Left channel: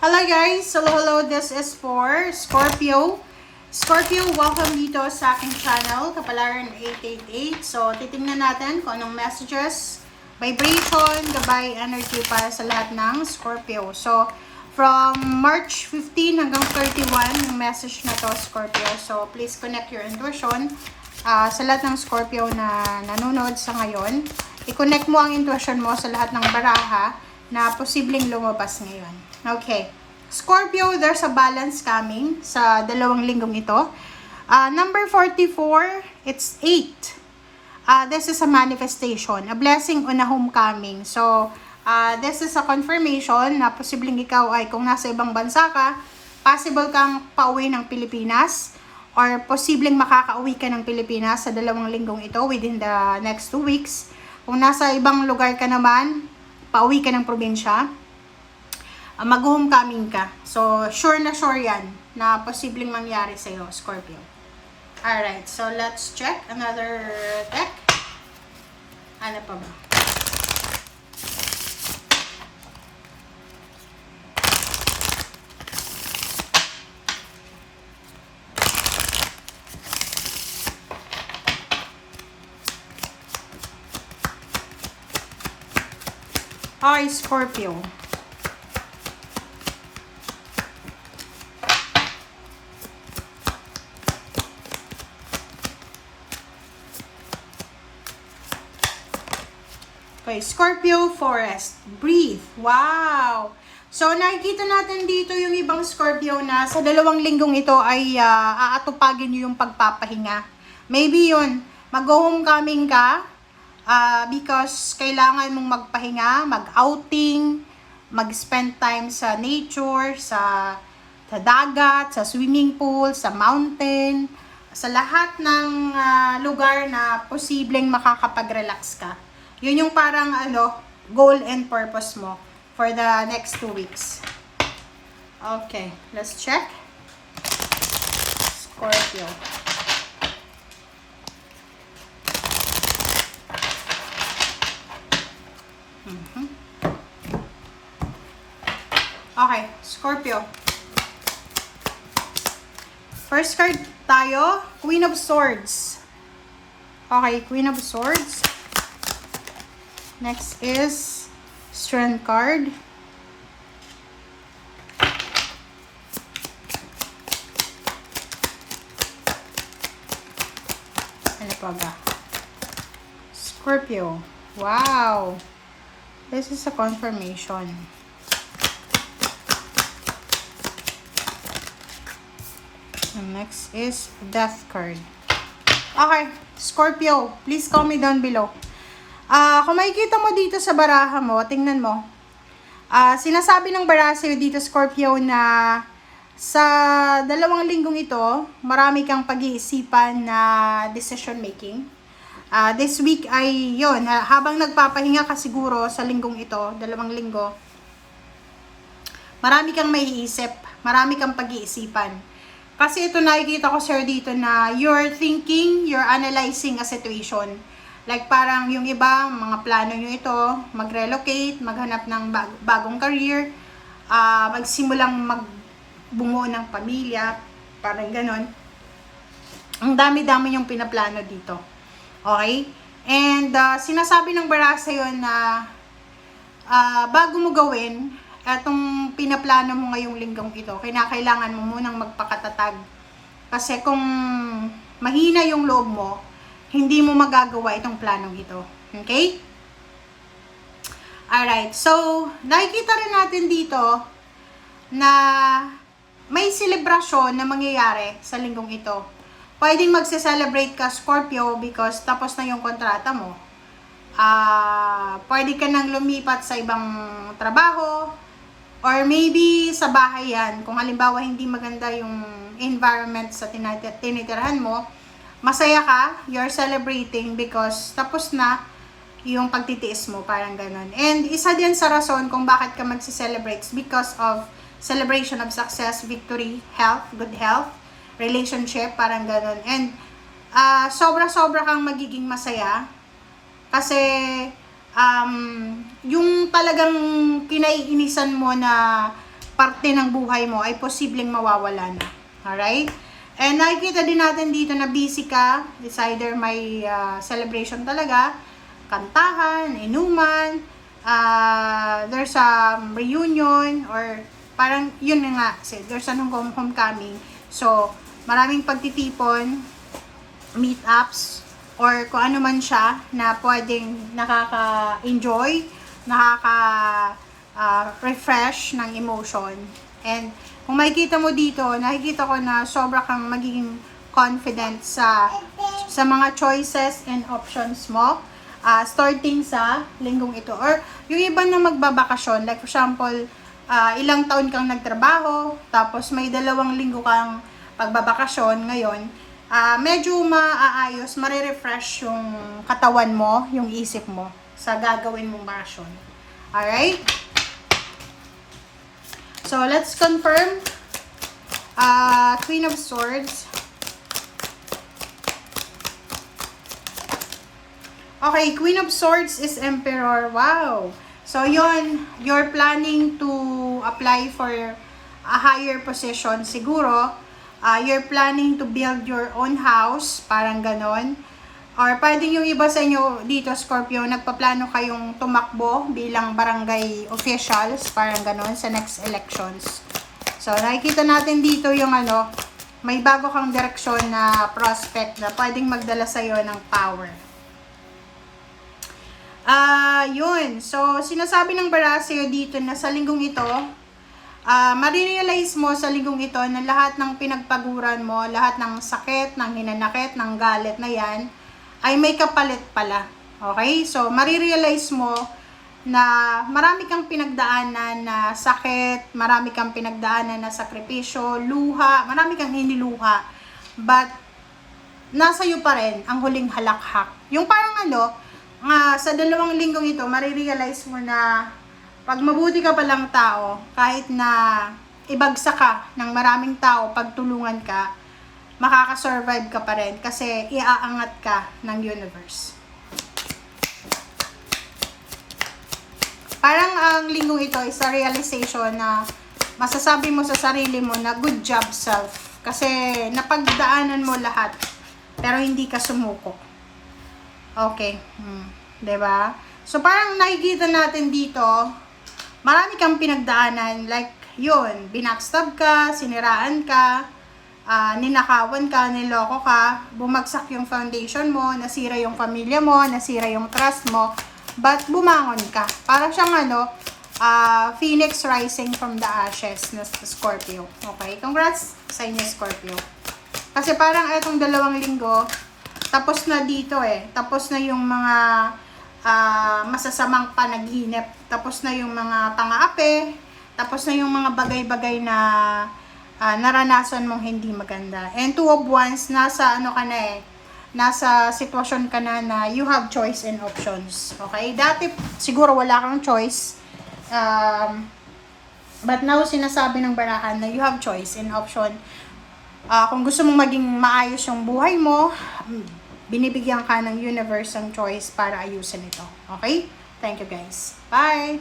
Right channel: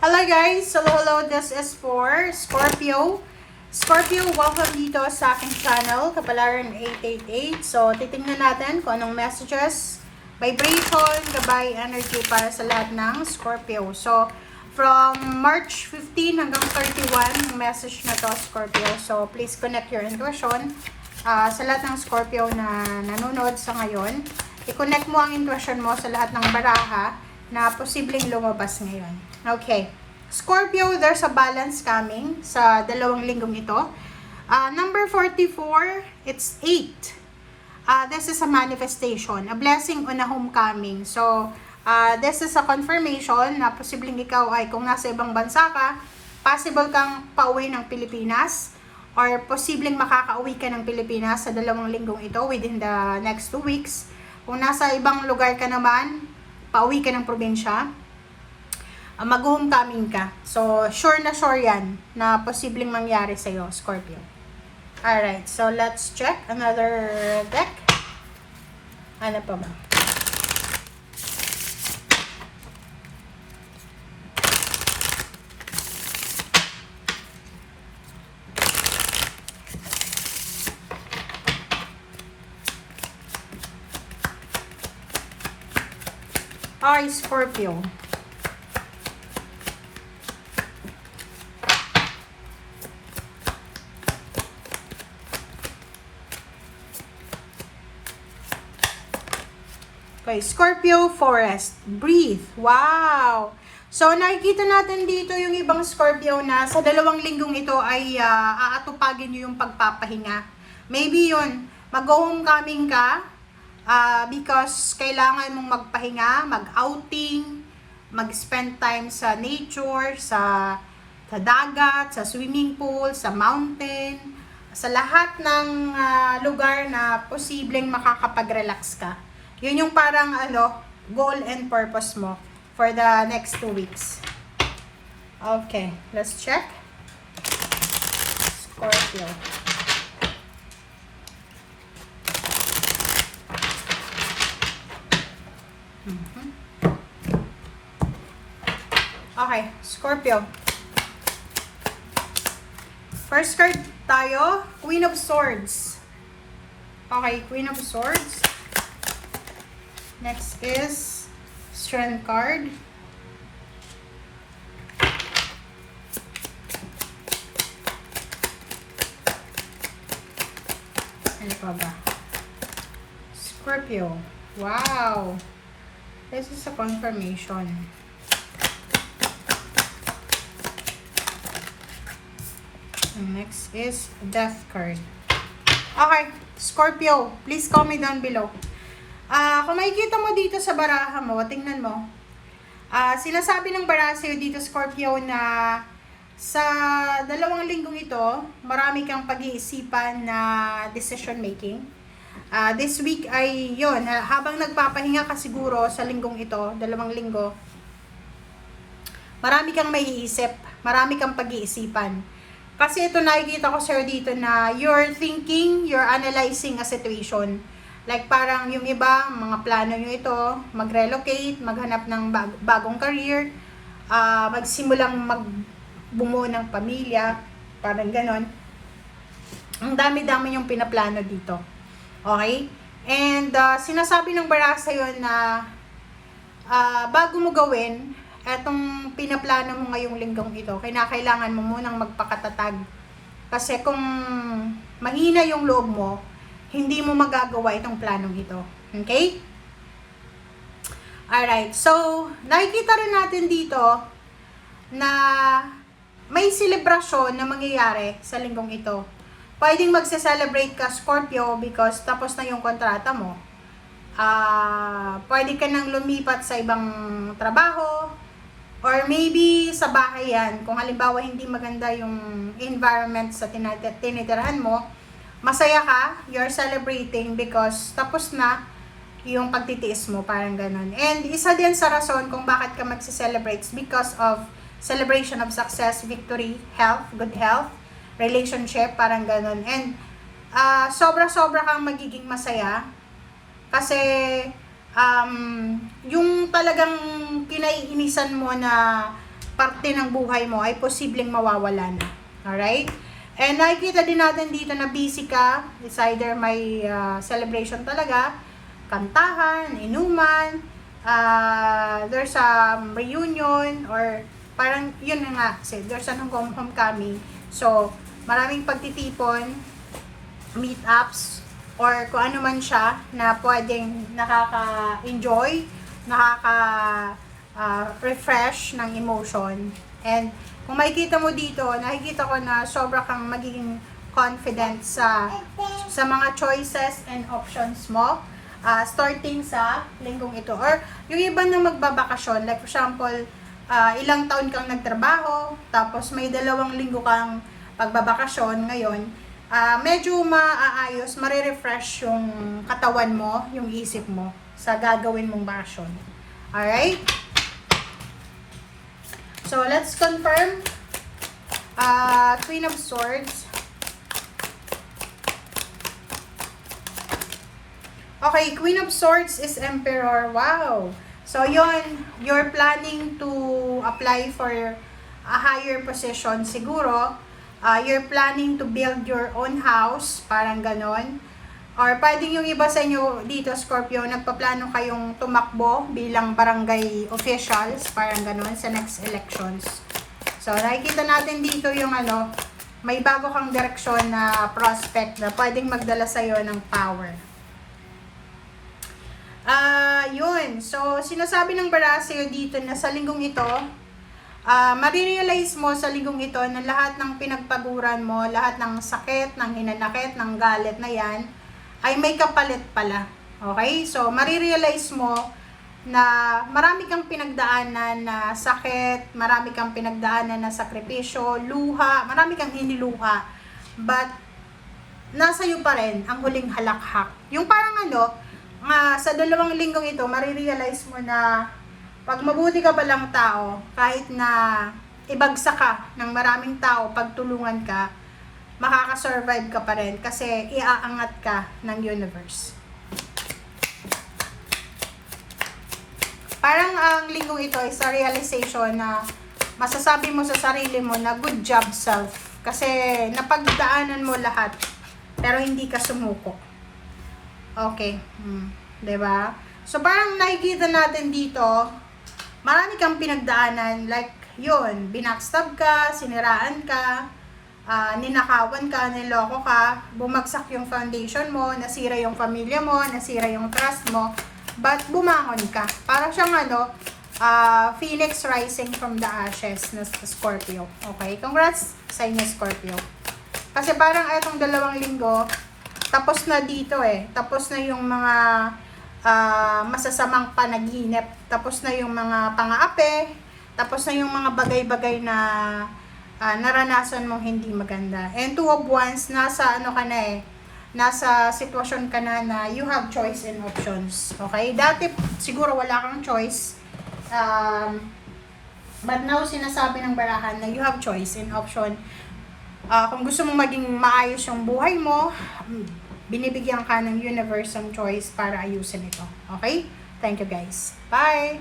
Hello guys! Hello, this is for Scorpio. Scorpio, welcome dito sa aking channel, Kapalaran 888. So, titingnan natin kung anong messages, vibration, gabay, energy para sa lahat ng Scorpio. So, from March 15 hanggang 31, yung message na to, Scorpio. So, please connect your intuition. Sa lahat ng Scorpio na nanonood sa ngayon, i-connect mo ang intuition mo sa lahat ng baraha na posibleng lumabas ngayon. Okay. Scorpio, there's a balance coming sa dalawang linggong ito. Number 44, it's 8. This is a manifestation, a blessing on a homecoming. So, this is a confirmation na posibleng ikaw ay kung nasa ibang bansa ka, possible kang pauwi ng Pilipinas or posibleng makakauwi ka ng Pilipinas sa dalawang linggong ito within the next 2 weeks. Kung nasa ibang lugar ka naman, pauwi ka ng probinsya, mag-homecoming ka. So, sure yan na posibleng mangyari sa'yo, Scorpio. Alright, so let's check another deck. Ano pa ba? Okay, Scorpio. Okay, Scorpio Forest. Breathe. Wow! So, nakikita natin dito yung ibang Scorpio na sa dalawang linggong ito ay aatupagin nyo yung pagpapahinga. Maybe yun, mag-homecoming ka because kailangan mong magpahinga, mag-outing, mag-spend time sa nature, sa dagat, sa swimming pool, sa mountain, sa lahat ng lugar na posibleng makakapag-relax ka. Yun yung parang goal and purpose mo for the next 2 weeks. Okay, let's check. Scorpio. Okay, Scorpio. First card tayo, Queen of Swords. Okay, Queen of Swords. Next is Strength card. Ano pa ba? Scorpio. Wow! This is a confirmation. And next is Death card. Okay, Scorpio, please comment down below. Kung makikita mo dito sa baraha mo, tingnan mo. Sinasabi ng baraha sa'yo dito, Scorpio, na sa dalawang linggong ito, marami kang pag-iisipan na decision making. This week ay yun, habang nagpapahinga ka siguro sa linggong ito, dalawang linggo, marami kang maiisip, marami kang pag-iisipan. Kasi ito nakikita ko sa'yo dito na you're thinking, you're analyzing a situation. Like parang yung iba, mga plano nyo ito, mag-relocate, maghanap ng bagong career, magsimulang magbumo ng pamilya, parang ganon. Ang dami-dami yung pinaplano dito. Okay? And sinasabi ng baraha sa'yo na bago mo gawin, etong pinaplano mo ngayong linggong ito, kailangan mo munang magpakatatag. Kasi kung mahina yung loob mo, hindi mo magagawa itong planong ito. Okay? Alright. So, nakikita rin natin dito na may selebrasyon na mangyayari sa linggong ito. Pwedeng magse-celebrate ka, Scorpio, because tapos na yung kontrata mo. Pwede ka nang lumipat sa ibang trabaho, or maybe sa bahay yan. Kung halimbawa hindi maganda yung environment sa tinitirahan mo, masaya ka, you're celebrating because tapos na yung pagtitiis mo, parang ganun. And isa din sa rason kung bakit ka magse-celebrate because of celebration of success, victory, health, good health, relationship, parang ganun. And sobra-sobra kang magiging masaya kasi yung talagang kinaiinisan mo na parte ng buhay mo ay posibleng mawawala na. Alright? And nakikita din natin dito na busy ka. It's either may celebration talaga, kantahan, inuman, there's a reunion, or parang yun nga, there's an homecoming. So, maraming pagtitipon, meetups, or kung ano man siya na pwedeng nakaka-enjoy, refresh ng emotion. And kung makikita mo dito, nakikita ko na sobra kang magiging confident sa mga choices and options mo, starting sa linggong ito. Or yung iba na magbabakasyon, like for example, ilang taon kang nagtrabaho, tapos may 2 linggo kang pagbabakasyon ngayon, medyo maaayos, marirefresh yung katawan mo, yung isip mo sa gagawin mong bakasyon. Alright? So, let's confirm. Queen of Swords. Okay, Queen of Swords is Emperor. Wow! So, yun, you're planning to apply for a higher position siguro. You're planning to build your own house, parang ganon. Or pwedeng yung iba sa inyo dito, Scorpio, nagpaplano kayong tumakbo bilang barangay officials, parang ganon, sa next elections. So, nakikita natin dito yung may bago kang direksyon na prospect na pwedeng magdala sa'yo ng power. Yun. So, sinasabi ng bara sa'yo dito na sa linggong ito, marirealize mo sa linggong ito na lahat ng pinagpaguran mo, lahat ng sakit, ng hinanakit, ng galit na yan, ay may kapalit pala. Okay? So, marirealize mo na marami kang pinagdaanan na sakit, marami kang pinagdaanan na sakripisyo, luha, marami kang hindi luha. But, nasa iyo pa rin ang huling halakhak. Yung parang sa 2 linggong ito, marirealize mo na pag mabuti ka palang tao, kahit na ibagsak ka ng maraming tao, pagtulungan ka, makakasurvive ka pa rin kasi iaangat ka ng universe. Parang ang linggong ito is a realization na masasabi mo sa sarili mo na good job self. Kasi napagdaanan mo lahat pero hindi ka sumuko. Okay. Diba? So parang nakikita natin dito, marami kang pinagdaanan. Like yun, binackstab ka, siniraan ka, ninakawan ka, niloko ka, bumagsak yung foundation mo, nasira yung pamilya mo, nasira yung trust mo, but bumangon ka. Parang siyang phoenix rising from the ashes na Scorpio. Okay? Congrats sa inyo, Scorpio. Kasi parang itong 2 linggo, tapos na dito tapos na yung mga masasamang panaginip, tapos na yung mga pang-aapi, tapos na yung mga bagay-bagay na naranasan mong hindi maganda. And 2 of Wands, nasa nasa sitwasyon ka na you have choice and options. Okay? Dati siguro wala kang choice. But now sinasabi ng barahan na you have choice and option. Kung gusto mong maging maayos yung buhay mo, binibigyan ka ng universe ng choice para ayusin ito. Okay? Thank you guys. Bye!